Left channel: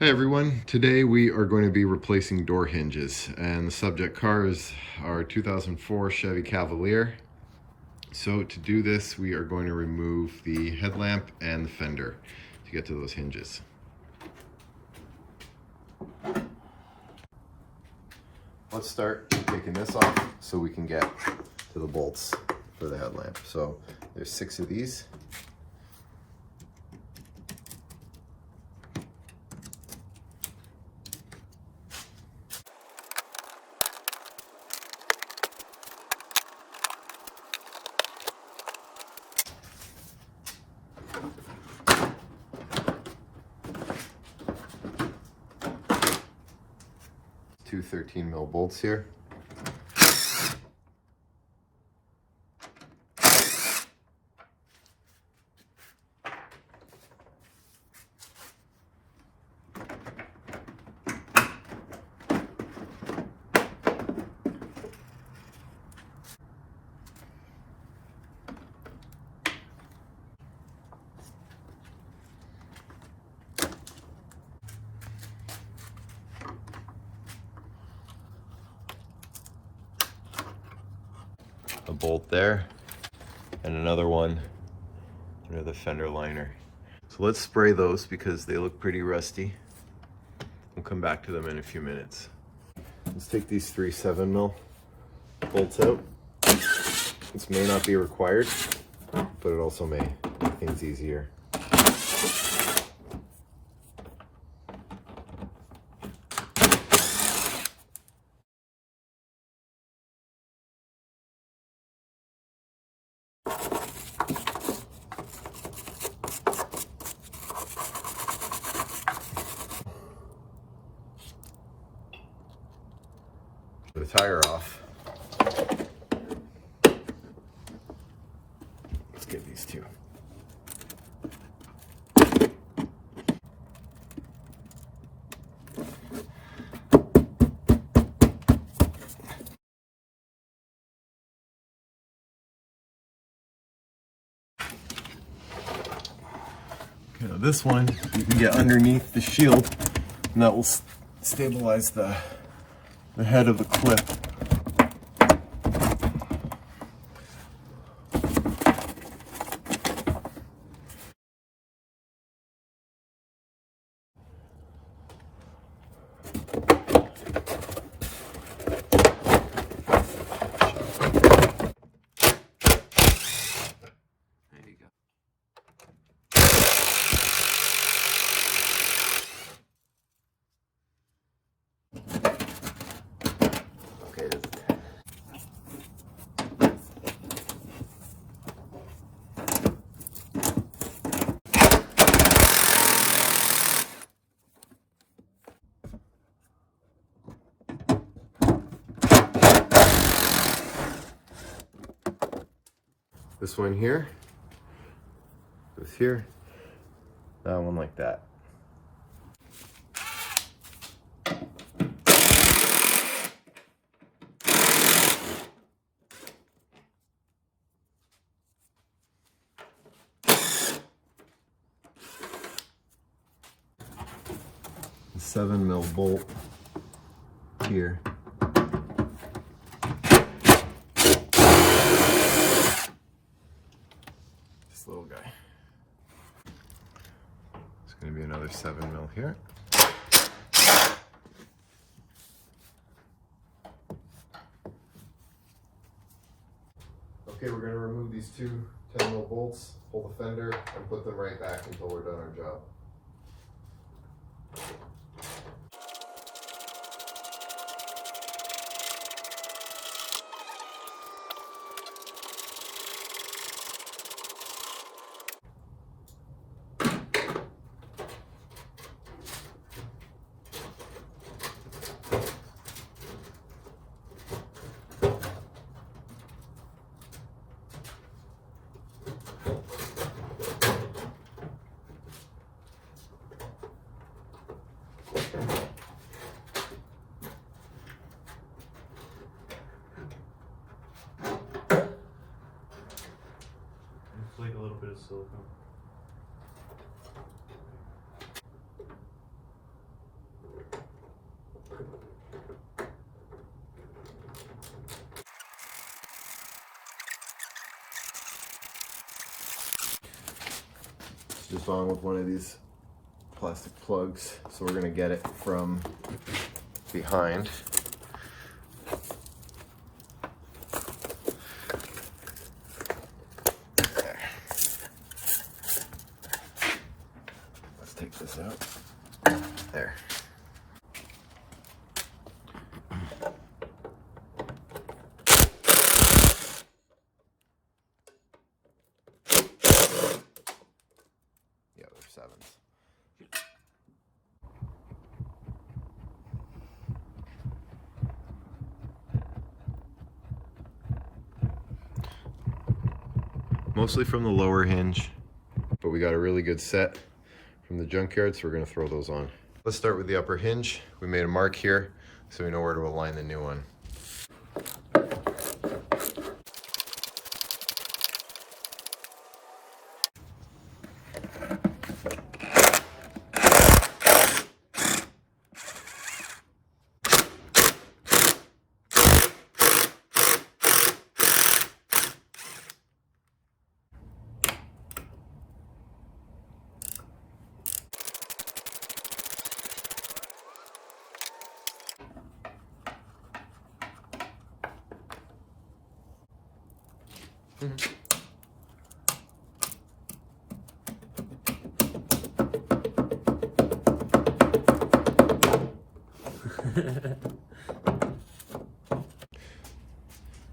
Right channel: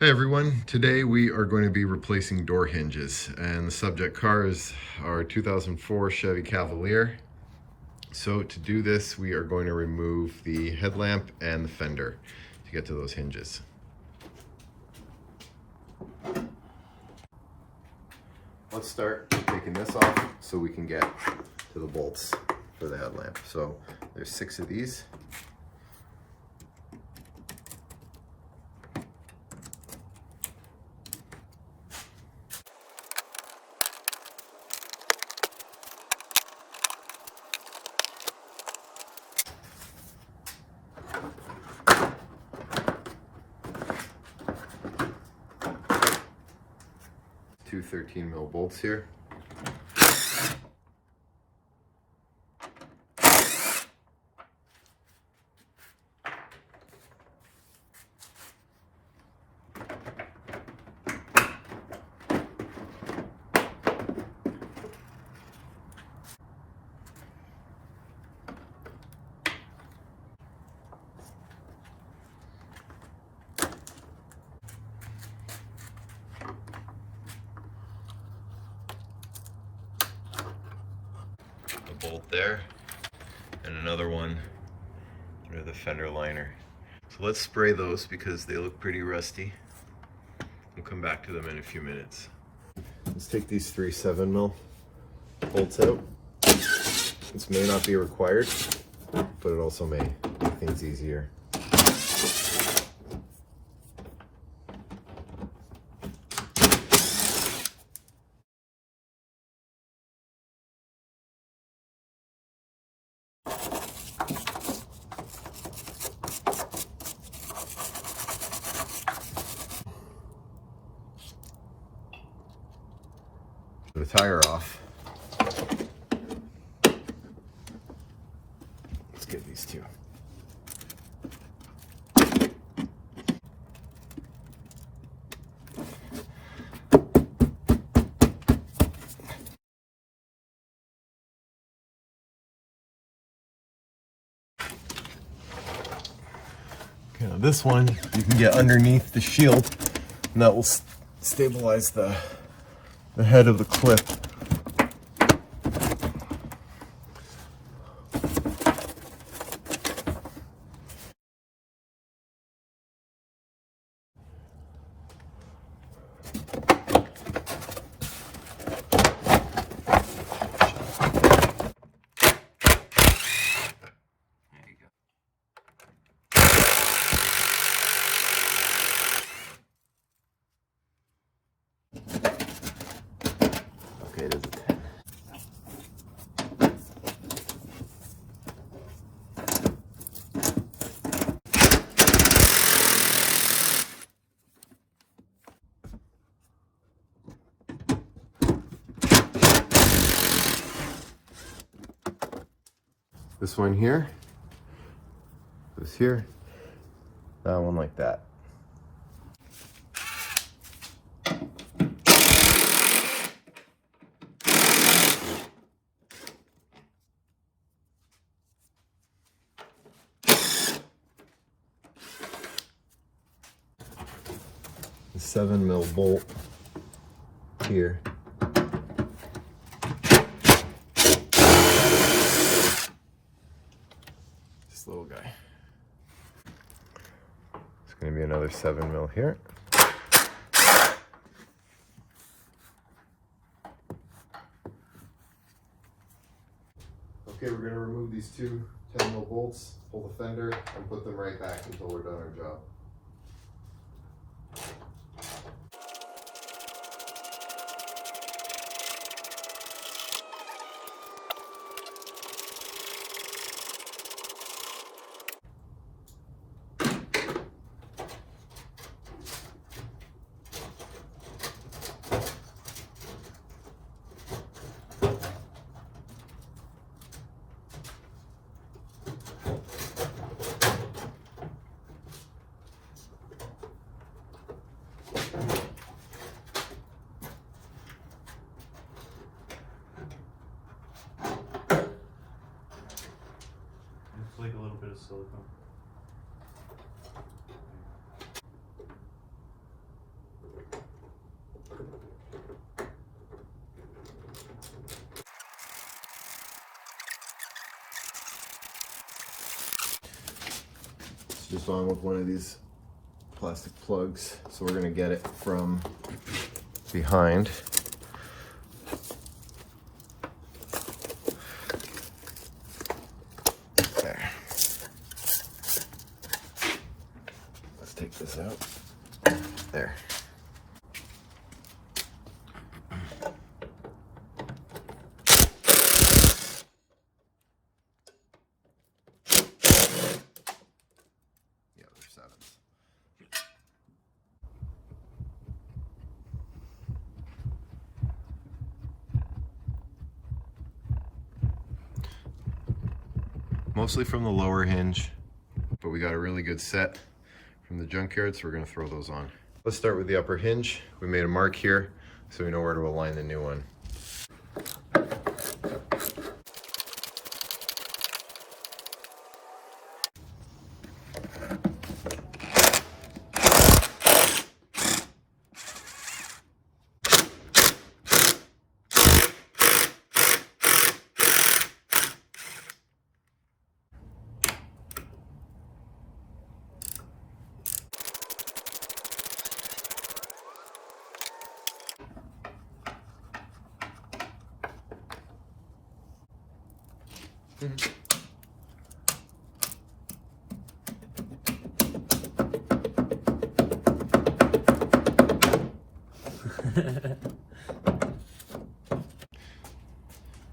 Hey everyone, today we are going to be replacing door hinges, and the subject car is our 2004 Chevy Cavalier. So to do this, we are going to remove the headlamp and the fender to get to those hinges. Let's start taking this off so we can get to the bolts for the headlamp. So there's 6 of these. Two 13mm bolts here. A bolt there, and another one near the fender liner. So let's spray those because they look pretty rusty. We'll come back to them in a few minutes. Let's take these 3 7mm bolts out. This may not be required, but it also may make things easier. The tire off. Let's get these 2. Okay, now this one you can get underneath the shield, and that will stabilize the head of the clip. This one here, this here, that one like that. The 7mm bolt here. This little guy. It's going to be another 7mm here. Okay, we're going to remove these 2 10mm bolts, pull the fender, and put them right back until we're done our job. Like a little bit of silicone. just on with one of these plastic plugs. So we're gonna get it from behind. There. Let's take this out. There. Yeah, they're sevens. Mostly from the lower hinge, but we got a really good set from the junkyard, so we're gonna throw those on. Let's start with the upper hinge. We made a mark here, so we know where to align the new one.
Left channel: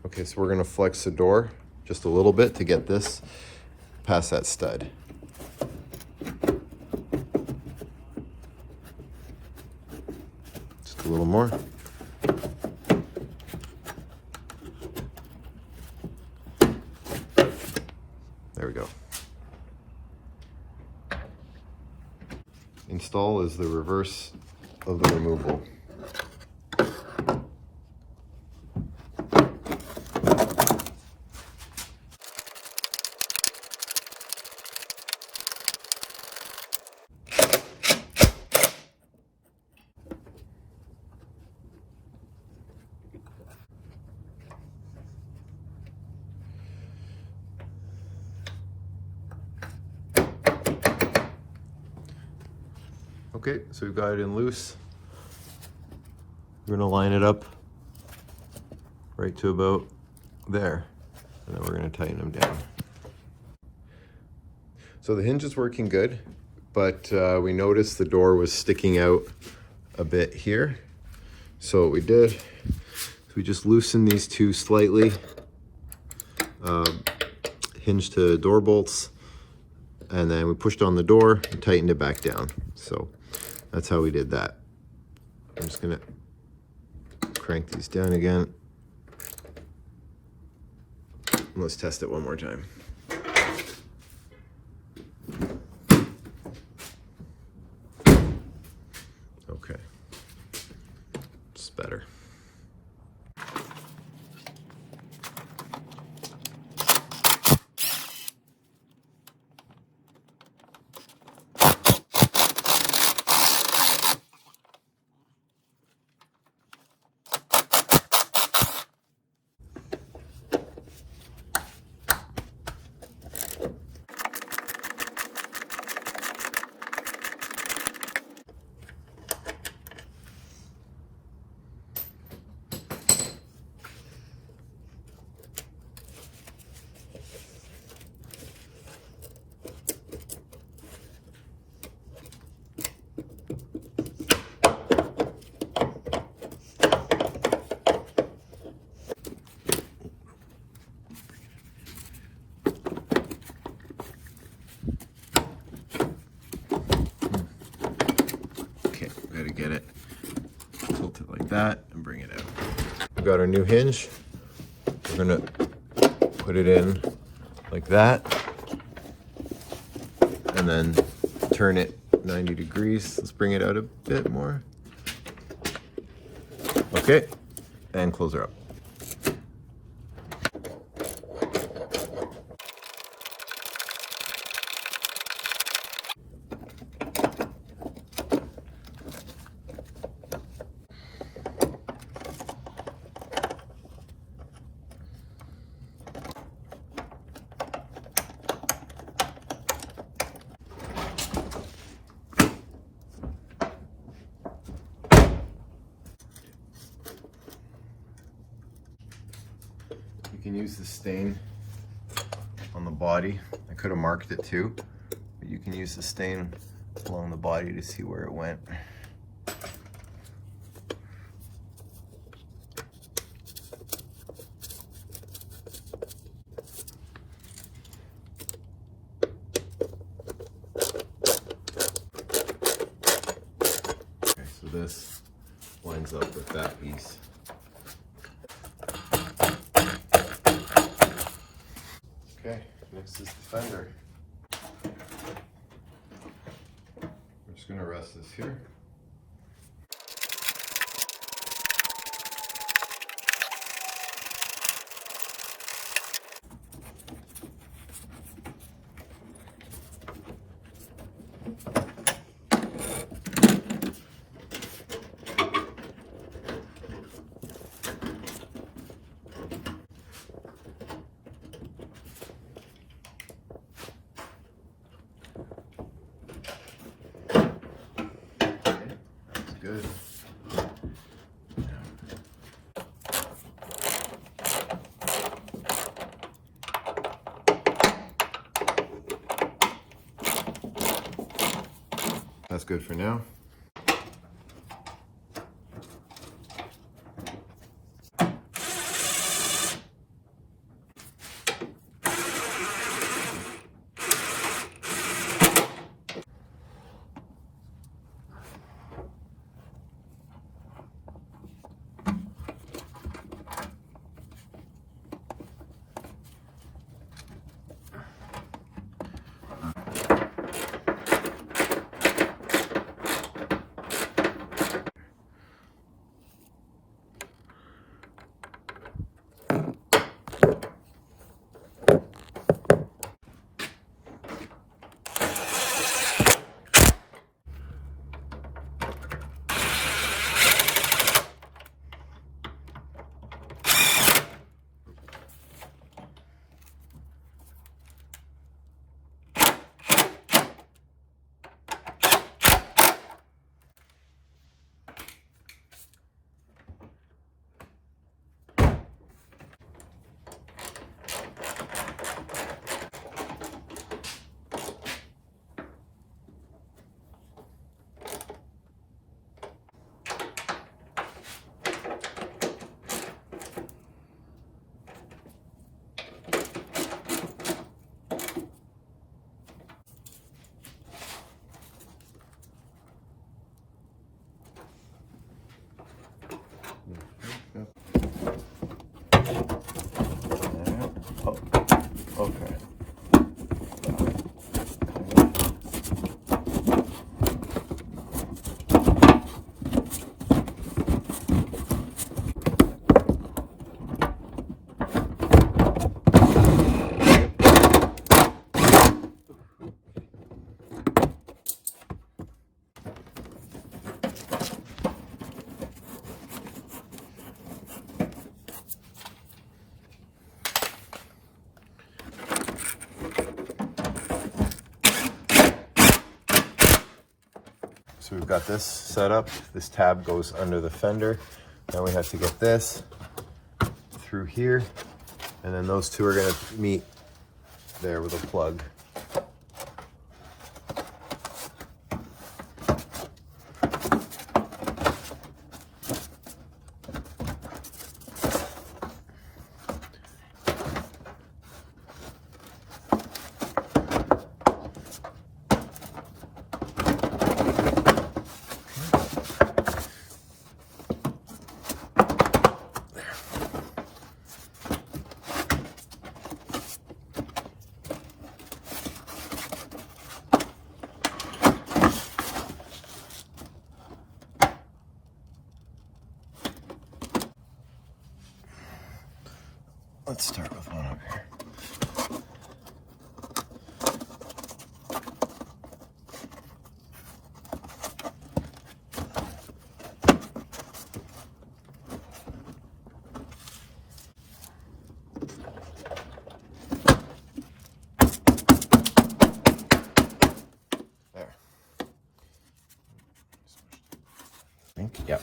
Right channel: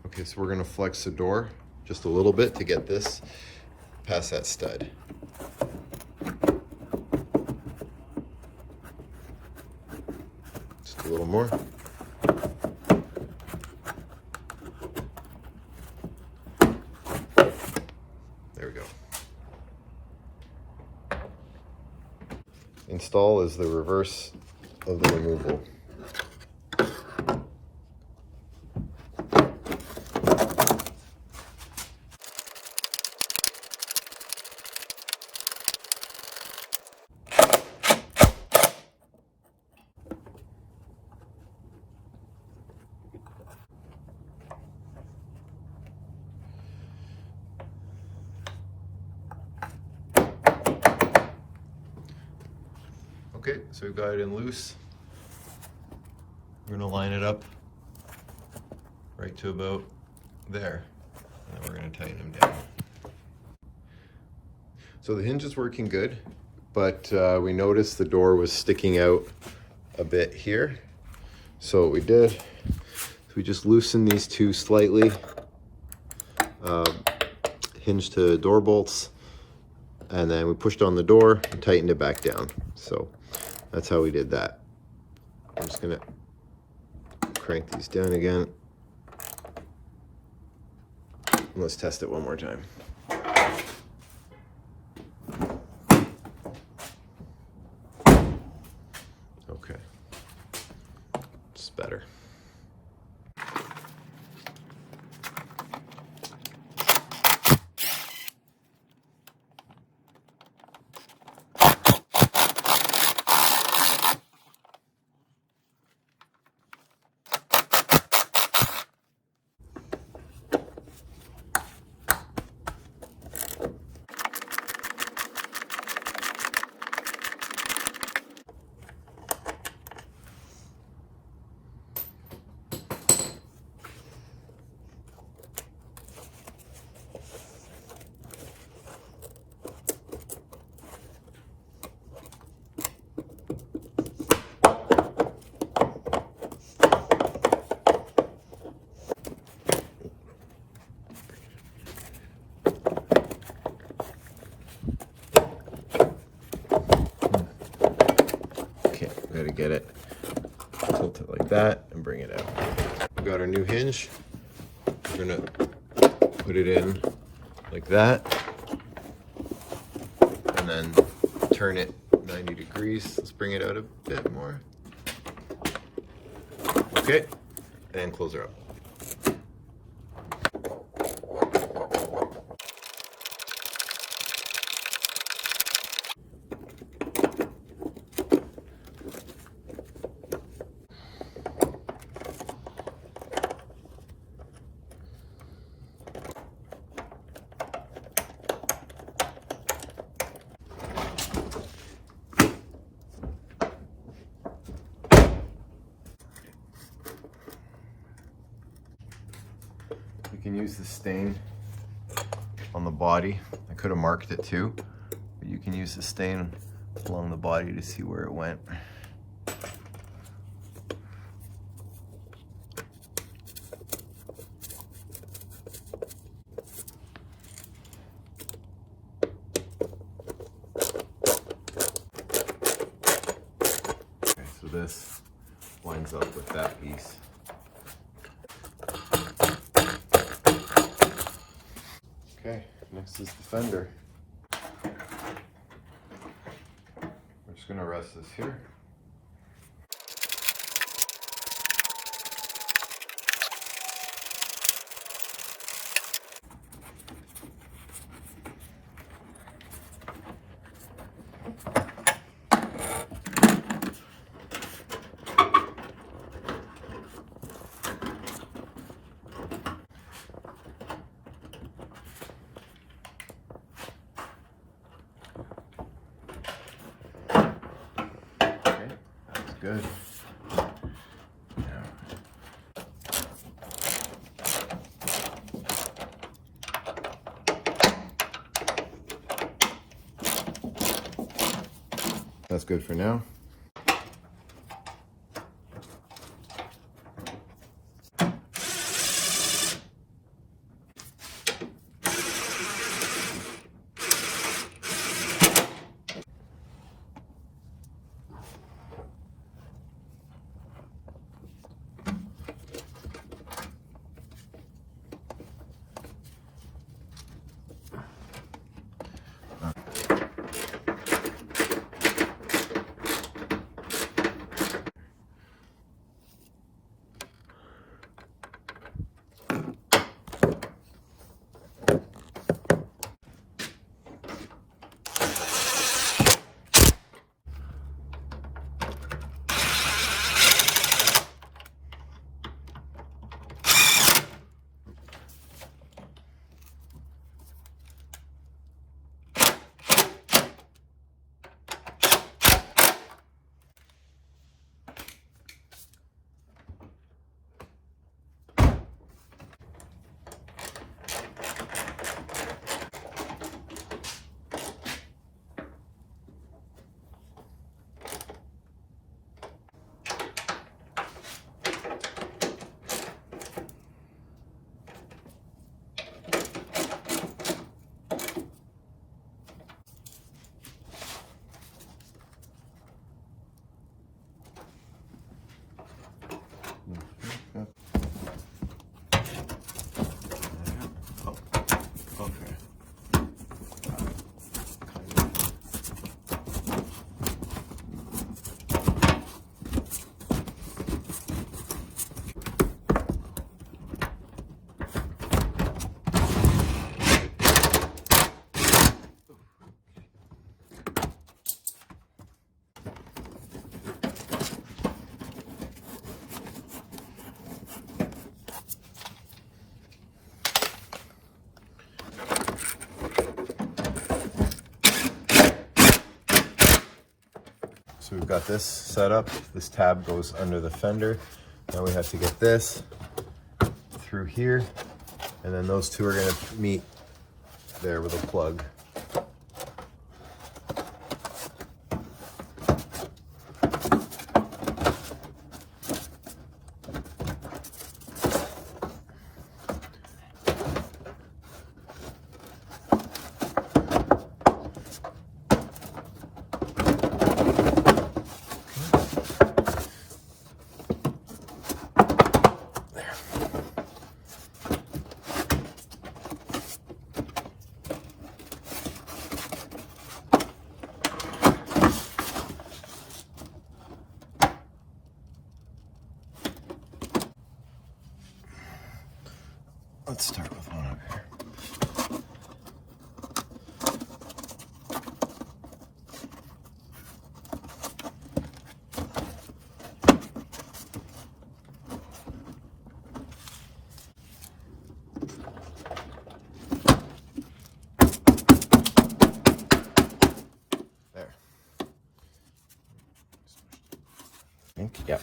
Okay, so we're gonna flex the door just a little bit to get this past that stud. Just a little more. There we go. Install is the reverse of the removal. Okay, so we've got it in loose. We're gonna line it up right to about there, and then we're gonna tighten them down. So the hinge is working good, but we noticed the door was sticking out a bit here. So what we did is we just loosened these two slightly, hinge to door bolts, and then we pushed on the door and tightened it back down. So that's how we did that. I'm just gonna crank these down again. And let's test it one more time. Okay, it's better. Get it, tilt it like that and bring it out. We've got our new hinge. We're gonna put it in like that and then turn it 90 degrees. Let's bring it out a bit more. Okay, and close her up. can use the stain on the body. I could have marked it too, but you can use the stain along the body to see where it went. Okay, so this lines up with that piece. Okay, next is the fender. We're just gonna rest this here. Good. That's good for now. Okay. So we've got this set up. This tab goes under the fender. Now we have to get this through here, and then those two are going to meet there with a plug. Let's start with one up here. There. I think, yeah.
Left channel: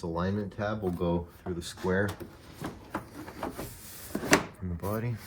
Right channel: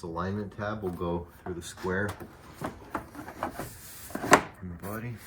This alignment tab will go through the square in the body.